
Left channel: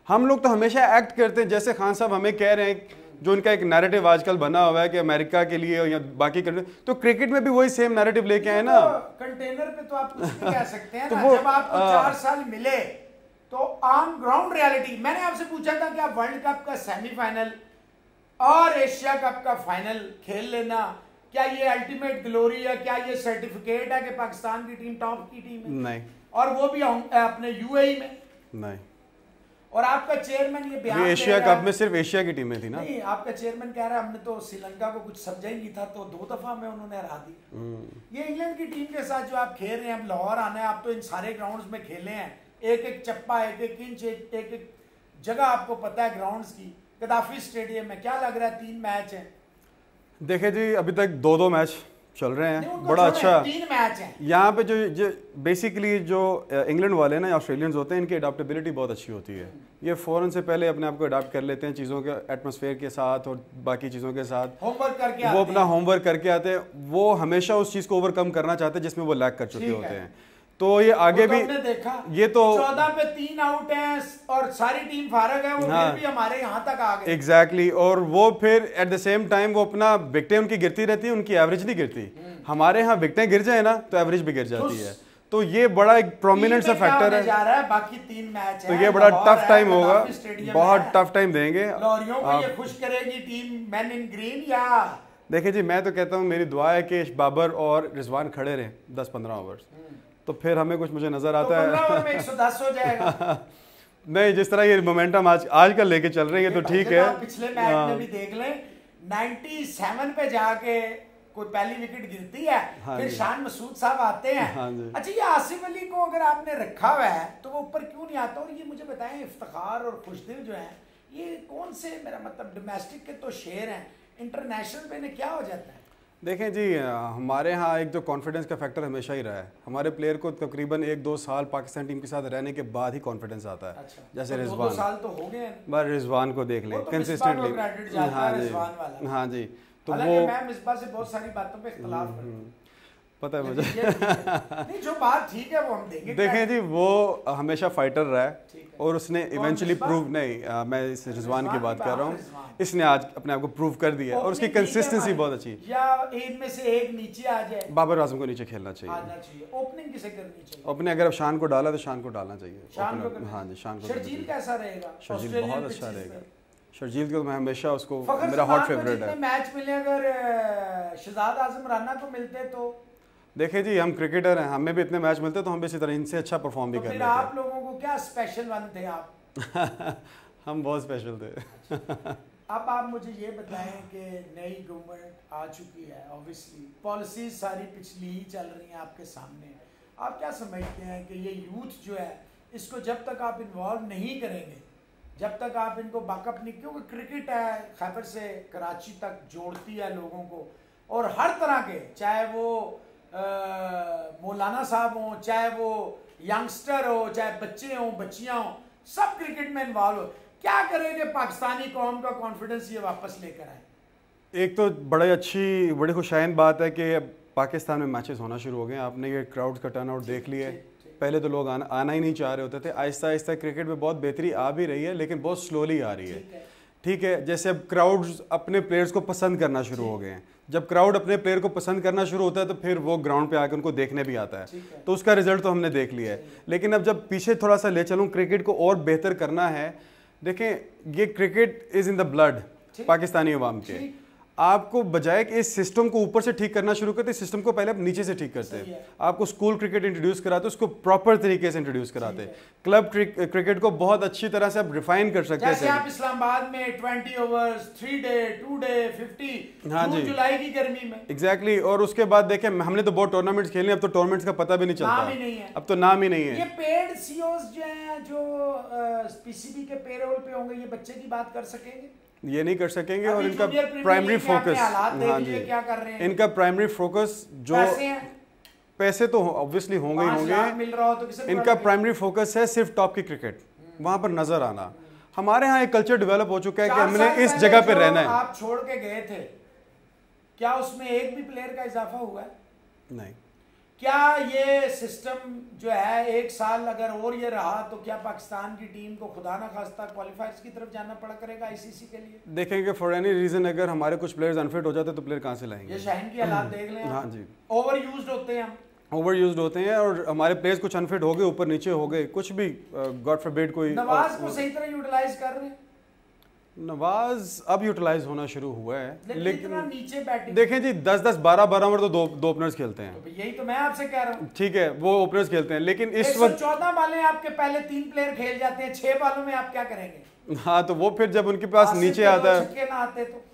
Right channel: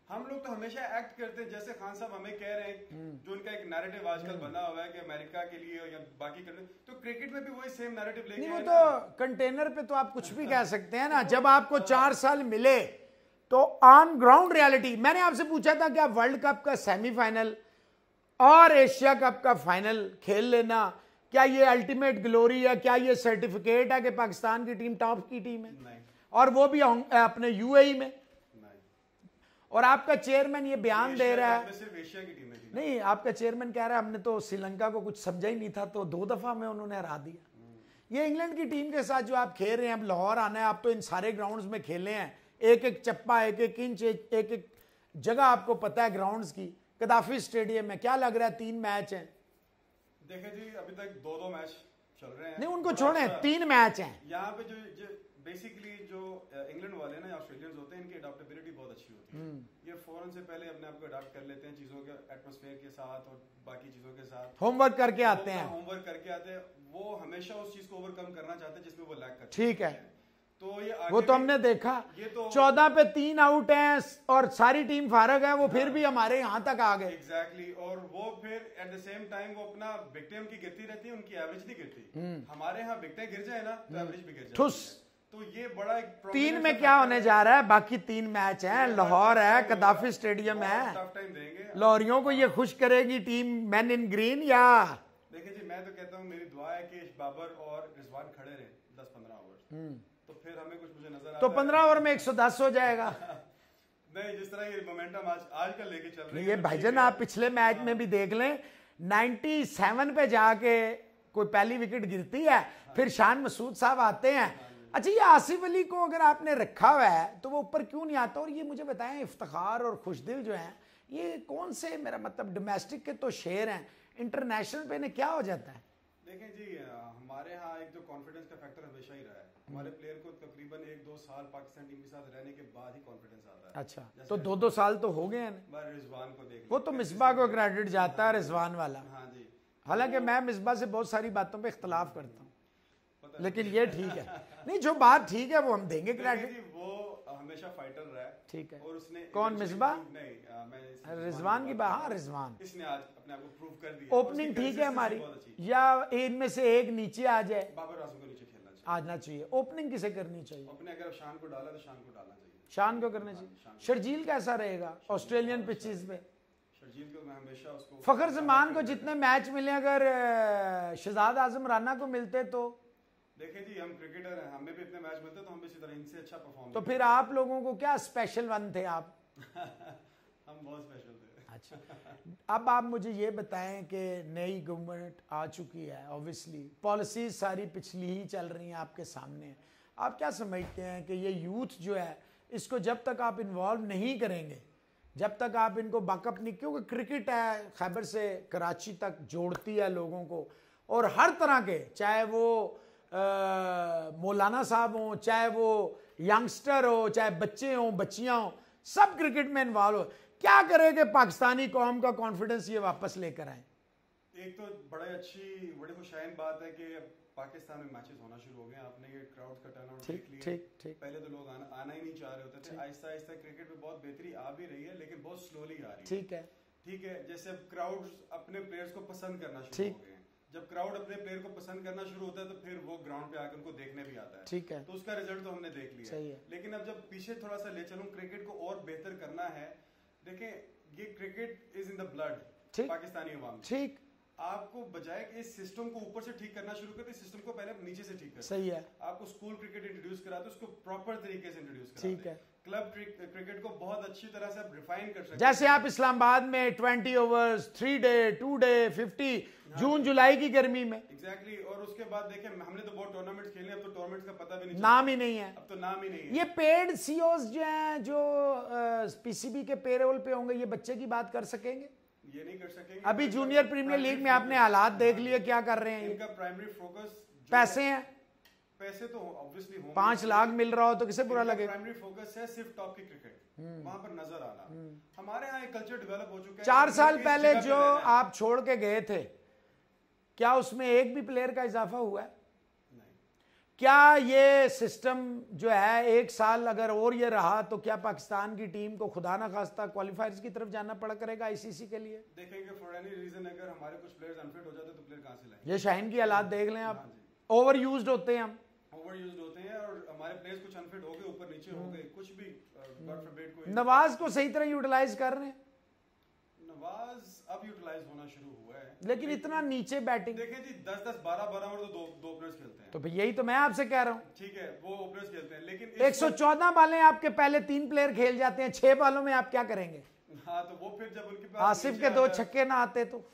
हम लोग तो हमेशा एक्ट करते हैं जैसे खान साहब हमें कह रहे हैं, जो उनका एक नैरेटिव आजकल बना हुआ है कि अमेरिका के लिए या बाकी कंट्री, तो क्रिकेट में भी वही सेम नैरेटिव लेके आए ना। कंटेनर पे तो आप कुछ भी कह सकते हैं ना। जब आपको 4 साल मिले तो ऑन ग्राउंड रियलिटी। मैंने आपसे पूछा था कि आप वर्ल्ड कप का सेमीफाइनल और एशिया कप का फाइनल खेल लेना, क्या ये अल्टीमेट ग्लोरी है? क्या ये सर्टिफिकेट है कि पाकिस्तान की टीम टॉप की टीम है? नहीं। और वो भी अपने UAE में? नहीं। और आपका चेयरमैन ये बयान एशिया कप में सिर्फ एशिया की टीमें थी ना। नहीं, आपका चेयरमैन कह रहा है हमने तो श्रीलंका को कुछ समझा ही नहीं था, तो 2 दफा में उन्होंने हरा दिया। ये इंग्लैंड की टीम के साथ जो आप खेल रहे हैं, अब लाहौर आना है, आप तो इन सारे ग्राउंड्स में खेले हैं, एक एक चप्पा, एक एक इंच, एक एक जगह आपको पता है ग्राउंड्स की। गद्दाफी स्टेडियम में क्या लग रहा है 3 मैच है? देखे जी, अभी तक 2-2 मैच चल रहे हैं, बड़ा अच्छा 3 मैच हैं। यहाँ पे जो बेसिकली जो इंग्लैंड वाले ना ऑस्ट्रेलियंस होते हैं, इनकी अडाप्टेबिलिटी बहुत अच्छी होती है। ये फौरन से पहले अपने आप को अडाप्ट कर लेते हैं चीज़ों के एटमॉस्फेयर के साथ और बाकी चीज़ों के साथ। होमवर्क करके वो अपना होमवर्क करके आते हैं, वो हमेशा उस चीज़ को ओवरकम करना चाहते हैं जिसमें वो लैक कर चुके होते हैं। तो ये आगे भी हमने देखा, ये तो 14 पे 3 आउट हैं और सारी टीम फारग है, वो फिर भी हमारे यहाँ तक आ गए। एग्जैक्टली। और वो फिर एट द सेम टाइम वो अपना विकेटें उनकी गिरती रहती है, उनकी एवरेज नहीं गिरती। हमारे यहाँ विकेटें गिर जाए ना तो एवरेज भी गिर जाती है। तो ये बड़ा एक प्रोमिनेंट सा फैक्टर है। जा रहा है, बाकी 3 मैच है, तो ये बड़ा टफ टाइम होगा, बहुत टफ टाइम देंगे। लाहौरियों को ये खुश करेगी टीम मैन इन ग्रीन या? देखिए जी, मैं तो कहता हूँ, मेरी दुआ है कि बाबर और रिजवान खड़े रहे 10-15 ओवर्स, तो फिर हमें कुछ मुझे नजर आता है। 15 ओवर में 110 हो जाएगा। नहीं, जिस तरह ये मोमेंटम आजकल लेके चल रही है तो ठीक है। आप पिछले मैच में भी देख लें, 97 पे जाके कोई पहली विकेट गिरती है, फिर शान मसूद साहब आते हैं। अच्छा, ये आसिफ अली को अगर आपने रखा हुआ है तो वो ऊपर क्यों नहीं आता? और ये मुझे बताएं, इफ्तिखार और खुशदिल जो है, ये कौन से, मेरा मतलब डोमेस्टिक के तो शेर हैं, इंटरनेशनल पे क्या हो जाता है? देखें जी, हमारे यहाँ एक जो कॉन्फिडेंस का फैक्टर हमेशा ही रहा है। हमारे प्लेयर को तकरीबन 1-2 साल पाकिस्तान टीम के साथ रहने के बाद ही कॉन्फिडेंस आता है। अच्छा, जैसे तो रिजवान, 2 साल तो हो गए हैं। रिजवान को देख लें, कंसिस्टेंटली। हाँ जी, तो हालांकि मैं मिसबा से बहुत सारी बातों पे इख्तिलाफ करता हूँ, पता है मुझे। नहीं, जो बात ठीक है वो हम देंगे। देखें जी, वो हमेशा फाइटर रहा है और उसने इवेंचुअली प्रूव, नहीं मैं इस रिजवान की बात कर रहा हूँ, इसने आज अपने आप को प्रूव कर दिया और उसकी कंसिस्टेंसी बहुत अच्छी। या इनमें से एक नीचे आ जाए, बाबर आजम को नीचे खेलना चाहिए, आना चाहिए। ओपनिंग किसे करनी चाहिए? अपने अगर शान को डाला तो शान को डालना चाहिए। शान को, हाँ जी, शान को। शर्जील कैसा रहेगा? शर्जील बहुत अच्छा रहेगा। शर्जील को मैं हमेशा उसको मेरा हॉट फेवरेट है। मैच मिले अगर शहजाद आजम राना को मिलते तो? देखिए जी, हम क्रिकेटर हैं, हमें भी इतने मैच मिलते तो हम भी इसी तरह इनसे अच्छा परफॉर्म भी कर लेते। फिर आप लोगों को क्या स्पेशल वन थे आप? हम बहुत स्पेशल थे। अब आप मुझे ये बताएं कि नई गवर्नमेंट आ चुकी है, ऑब्वियसली पॉलिसीज सारी पिछली ही चल रही हैं आपके सामने। आप क्या समझते हैं कि ये यूथ जो है, इसको जब तक आप इन्वॉल्व नहीं करेंगे जब तक आप इनको बकअप नहीं, क्योंकि क्रिकेट है खैबर से कराची तक जोड़ती है लोगों को, और हर तरह के, चाहे वो मौलाना साहब हो, चाहे वो यंगस्टर हो, चाहे बच्चे हो, बच्चियां हो, सब क्रिकेट में इन्वॉल्व हो। क्या करेंगे पाकिस्तानी कौम का कॉन्फिडेंस ये वापस लेकर आए? एक तो बड़ी खुशाइन बात है कि पाकिस्तान में मैचेस होना शुरू हो गए। आपने ये क्राउड्स का टर्नआउट देख लिया है। पहले तो लोग आना ही नहीं चाह रहे होते थे। आहिस्ता आहिस्ता क्रिकेट में बहुत बेहतरी आ भी रही है, लेकिन बहुत स्लोली आ रही है। ठीक है, जैसे अब क्राउड्स अपने प्लेयर्स को पसंद करना शुरू हो गए हैं। जब क्राउड अपने प्लेयर को पसंद करना शुरू होता है तो फिर वो ग्राउंड पे आकर उनको देखने भी आता है। तो उसका रिजल्ट तो हमने देख लिया है। लेकिन अब जब पीछे थोड़ा सा ले चलूँ, क्रिकेट को और बेहतर करना है। देखें, ये cricket is in the blood Pakistani अवाम के। आपको बजाय कि इस सिस्टम को ऊपर से ठीक करना शुरू करते, सिस्टम को पहले आप नीचे से ठीक करते हैं। आपको स्कूल क्रिकेट इंट्रोड्यूस कराते, उसको प्रॉपर तरीके से इंट्रोड्यूस कराते। क्लब क्रिकेट को बहुत अच्छी तरह से आप रिफाइन कर सकते हैं। जैसे आप इस्लामाबाद में 20 ओवर्स, 3 डे, 2 डे, 50 जून जुलाई की गर्मी में। एग्जैक्टली। और उसके बाद देखें, हमने तो बहुत टूर्नामेंट्स खेले, अब तो टूर्नामेंट्स का पता भी नहीं चलता, नाम ही नहीं है। अब तो नाम ही नहीं है। ये पेड सीओस जो हैं, जो पीसीबी के पेरोल पे होंगे, ये बच्चे की बात कर सकेंगे? ये नहीं कर सकेंगे। और इनका प्राइमरी फोकस, हालात देख लिए क्या कर रहे हैं। इनका प्राइमरी फोकस जो पैसे तो ऑब्वियसली होंगे ही होंगे, मिल रहा हो तो किसे। इनका प्राइमरी फोकस है सिर्फ टॉप की क्रिकेट, वहां पर नजर आना। हमारे यहाँ एक कल्चर डेवलप हो चुका है कि हमने इस जगह पे रहना है। आप छोड़ के गए थे, क्या उसमें एक भी प्लेयर का इजाफा हुआ है? नहीं। क्या ये सिस्टम जो है 1 साल अगर और ये रहा तो क्या पाकिस्तान की टीम को खुदा ना खास्ता क्वालिफायर्स की तरफ जाना पड़ा करेगा आईसीसी के लिए? देखेंगे फॉर एनी रीजन अगर हमारे कुछ प्लेयर्स अनफिट हो जाते तो प्लेयर कहां से लाएंगे? ये शाहीन की हालात देख लें। हाँ जी, ओवर यूज्ड होते हैं, हम ओवर यूज्ड होते हैं, और हमारे प्लेयर्स कुछ अनफिट हो गए, ऊपर नीचे हो गए, कुछ भी गॉड फॉरबिड कोई। नवाज को सही तरह यूटिलाइज कर रहे हैं। नवाज अब यूटिलाइज होना शुरू हुआ है, लेकिन इतना नीचे बैटिंग देखें जी 10-10 12-12 ओवर तो दो ओपनर्स खेलते हैं। तो यही तो मैं आपसे कह रहा हूँ। ठीक है, वो ओपनर्स खेलते हैं, लेकिन इस वक्त 114 बालें आपके पहले 3 प्लेयर खेल जाते हैं, 6 बालों में आप क्या करेंगे? हाँ, तो वो फिर जब उनके पास नीचे आता है, छक्के ना आते तो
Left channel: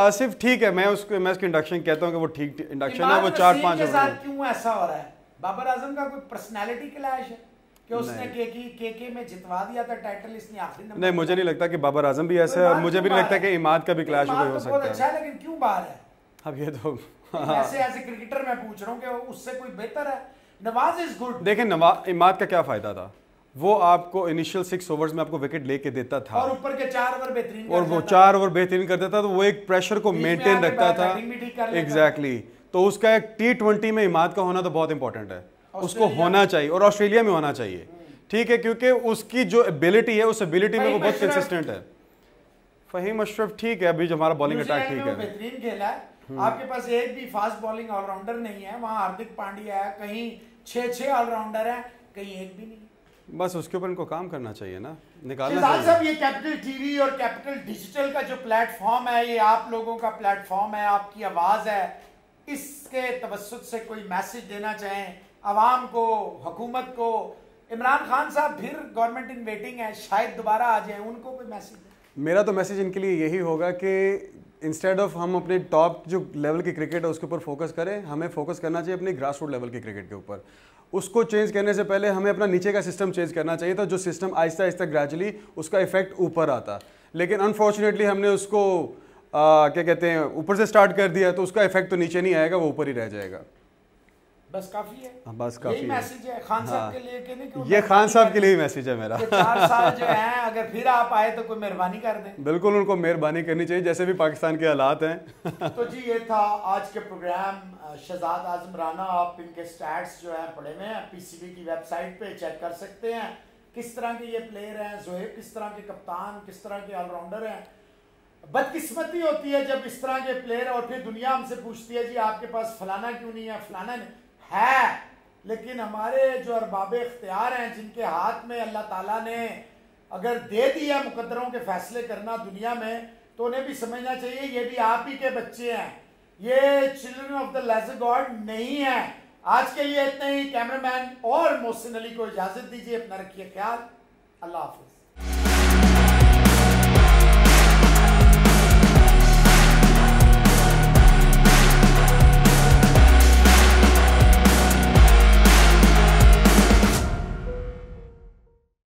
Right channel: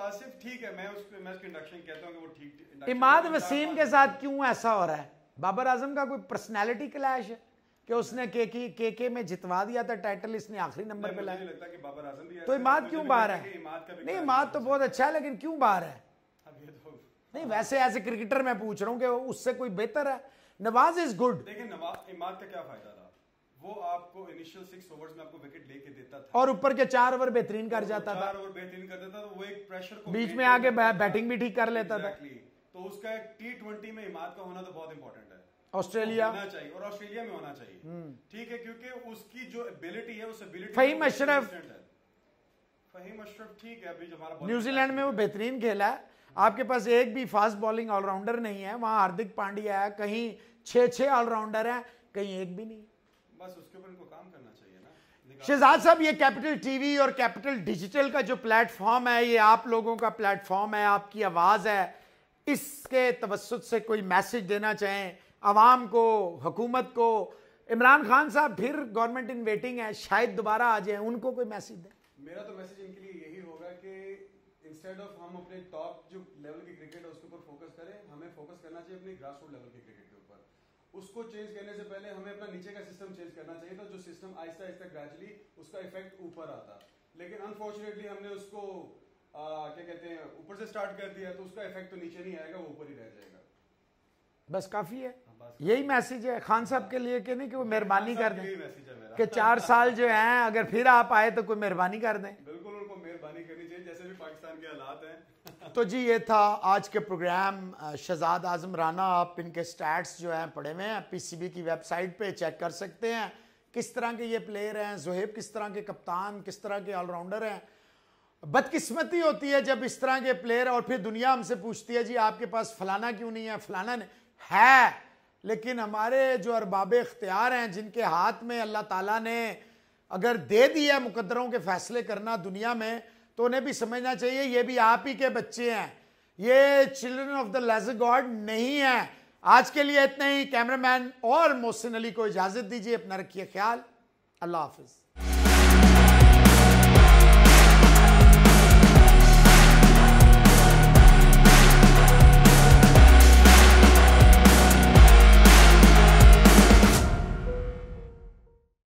आसिफ ठीक है, मैं उसकी इंडक्शन कहता हूँ कि वो ठीक इंडक्शन है, वो 4-5 के साथ क्यों ऐसा हो रहा है? बाबर आजम का कोई पर्सनैलिटी क्लैश है कि उसने केके में जितवा दिया था टाइटल, इसने आखिरी नंबर? नहीं, मुझे नहीं लगता कि बाबर आजम भी ऐसा है, और मुझे भी नहीं लगता कि इमाद का भी क्लैश हो सकता है। बहुत अच्छा है, लेकिन क्यों बाहर है? अब ये तो ऐसे एज ए क्रिकेटर मैं पूछ रहा हूँ कि उससे कोई बेहतर है? Nawaz is good. देखें, इमाद का क्या फायदा था? वो आपको इनिशियल 6 ओवर्स में आपको विकेट लेके देता था, और ऊपर के 4 ओवर बेहतरीन, और वो 4 ओवर बेहतरीन कर देता था, तो वो एक प्रेशर को मेंटेन रखता था। एग्जैक्टली। तो उसका एक T20 में इमाद का होना तो बहुत इंपॉर्टेंट है, उसको होना चाहिए, और ऑस्ट्रेलिया में होना चाहिए। ठीक है, क्योंकि उसकी जो एबिलिटी है, उस एबिलिटी में वो बहुत कंसिस्टेंट है। फहीम अशरफ ठीक है, अभी जो हमारा बॉलिंग अटैक ठीक है, बेहतरीन खेला है। आपके पास एक भी फास्ट बॉलिंग ऑलराउंडर नहीं है, वहां हार्दिक पांड्या है, कहीं 6 ऑलराउंडर है, कहीं एक भी नहीं। बस उसके ऊपर इनको काम करना चाहिए ना, निकालना चाहिए। साहब, ये कैपिटल टीवी और कैपिटल डिजिटल का जो प्लेटफॉर्म है, ये आप लोगों का प्लेटफॉर्म है, आपकी आवाज है। इसके तवस्सुत से कोई मैसेज देना चाहें अवाम को, हुकूमत को? इमरान खान साहब फिर गवर्नमेंट इन वेटिंग है, शायद दोबारा आ जाए, उनको कोई मैसेज दें? मेरा तो मैसेज इनके लिए यही होगा कि इंस्टेड ऑफ हम अपने टॉप जो लेवल की क्रिकेट है उसके ऊपर फोकस करें, हमें फोकस करना चाहिए अपनी ग्रास रूट लेवल की क्रिकेट के ऊपर। उसको चेंज करने से पहले हमें अपना नीचे का सिस्टम चेंज करना चाहिए था, जो सिस्टम आहिस्ता आहिस्ता ग्रेजुअली उसका इफेक्ट ऊपर आता। लेकिन अनफॉर्चुनेटली हमने उसको क्या कहते हैं, ऊपर से स्टार्ट कर दिया, तो उसका इफेक्ट तो नीचे नहीं आएगा, वो ऊपर ही रह जाएगा। बस काफी है। बस काफी यही मैसेज है खान साहब के लिए कि नहीं? कि ये खान साहब के लिए मैसेज है मेरा। 4 साल जो है, अगर फिर आप आए तो कोई मेहरबानी कर दें। बिल्कुल, उनको मेहरबानी करनी चाहिए, जैसे भी पाकिस्तान के हालात हैं। तो जी, ये था आज के प्रोग्राम। शहजाद आजम राना, आप इनके स्टैट्स जो है पढ़े हुए हैं, पीसीबी की वेबसाइट पे चेक कर सकते हैं किस तरह के ये प्लेयर हैं। जोहेब किस तरह के कप्तान, किस तरह के ऑलराउंडर हैं। बदकिस्मती होती है जब इस तरह के प्लेयर, और फिर दुनिया हमसे पूछती है जी आपके पास फलाना क्यों नहीं है, फलाना नहीं है। लेकिन हमारे जो अरबाब इख्तियार हैं, जिनके हाथ में अल्लाह ताला ने अगर दे दिया मुकद्दरों के फैसले करना दुनिया में, तो उन्हें भी समझना चाहिए ये भी आप ही के बच्चे हैं, ये children of the lesser god नहीं है। आज के लिए इतना ही। कैमरामैन और मोहसिन अली को इजाजत दीजिए, अपना रखिए ख्याल। अल्लाह हाफिज।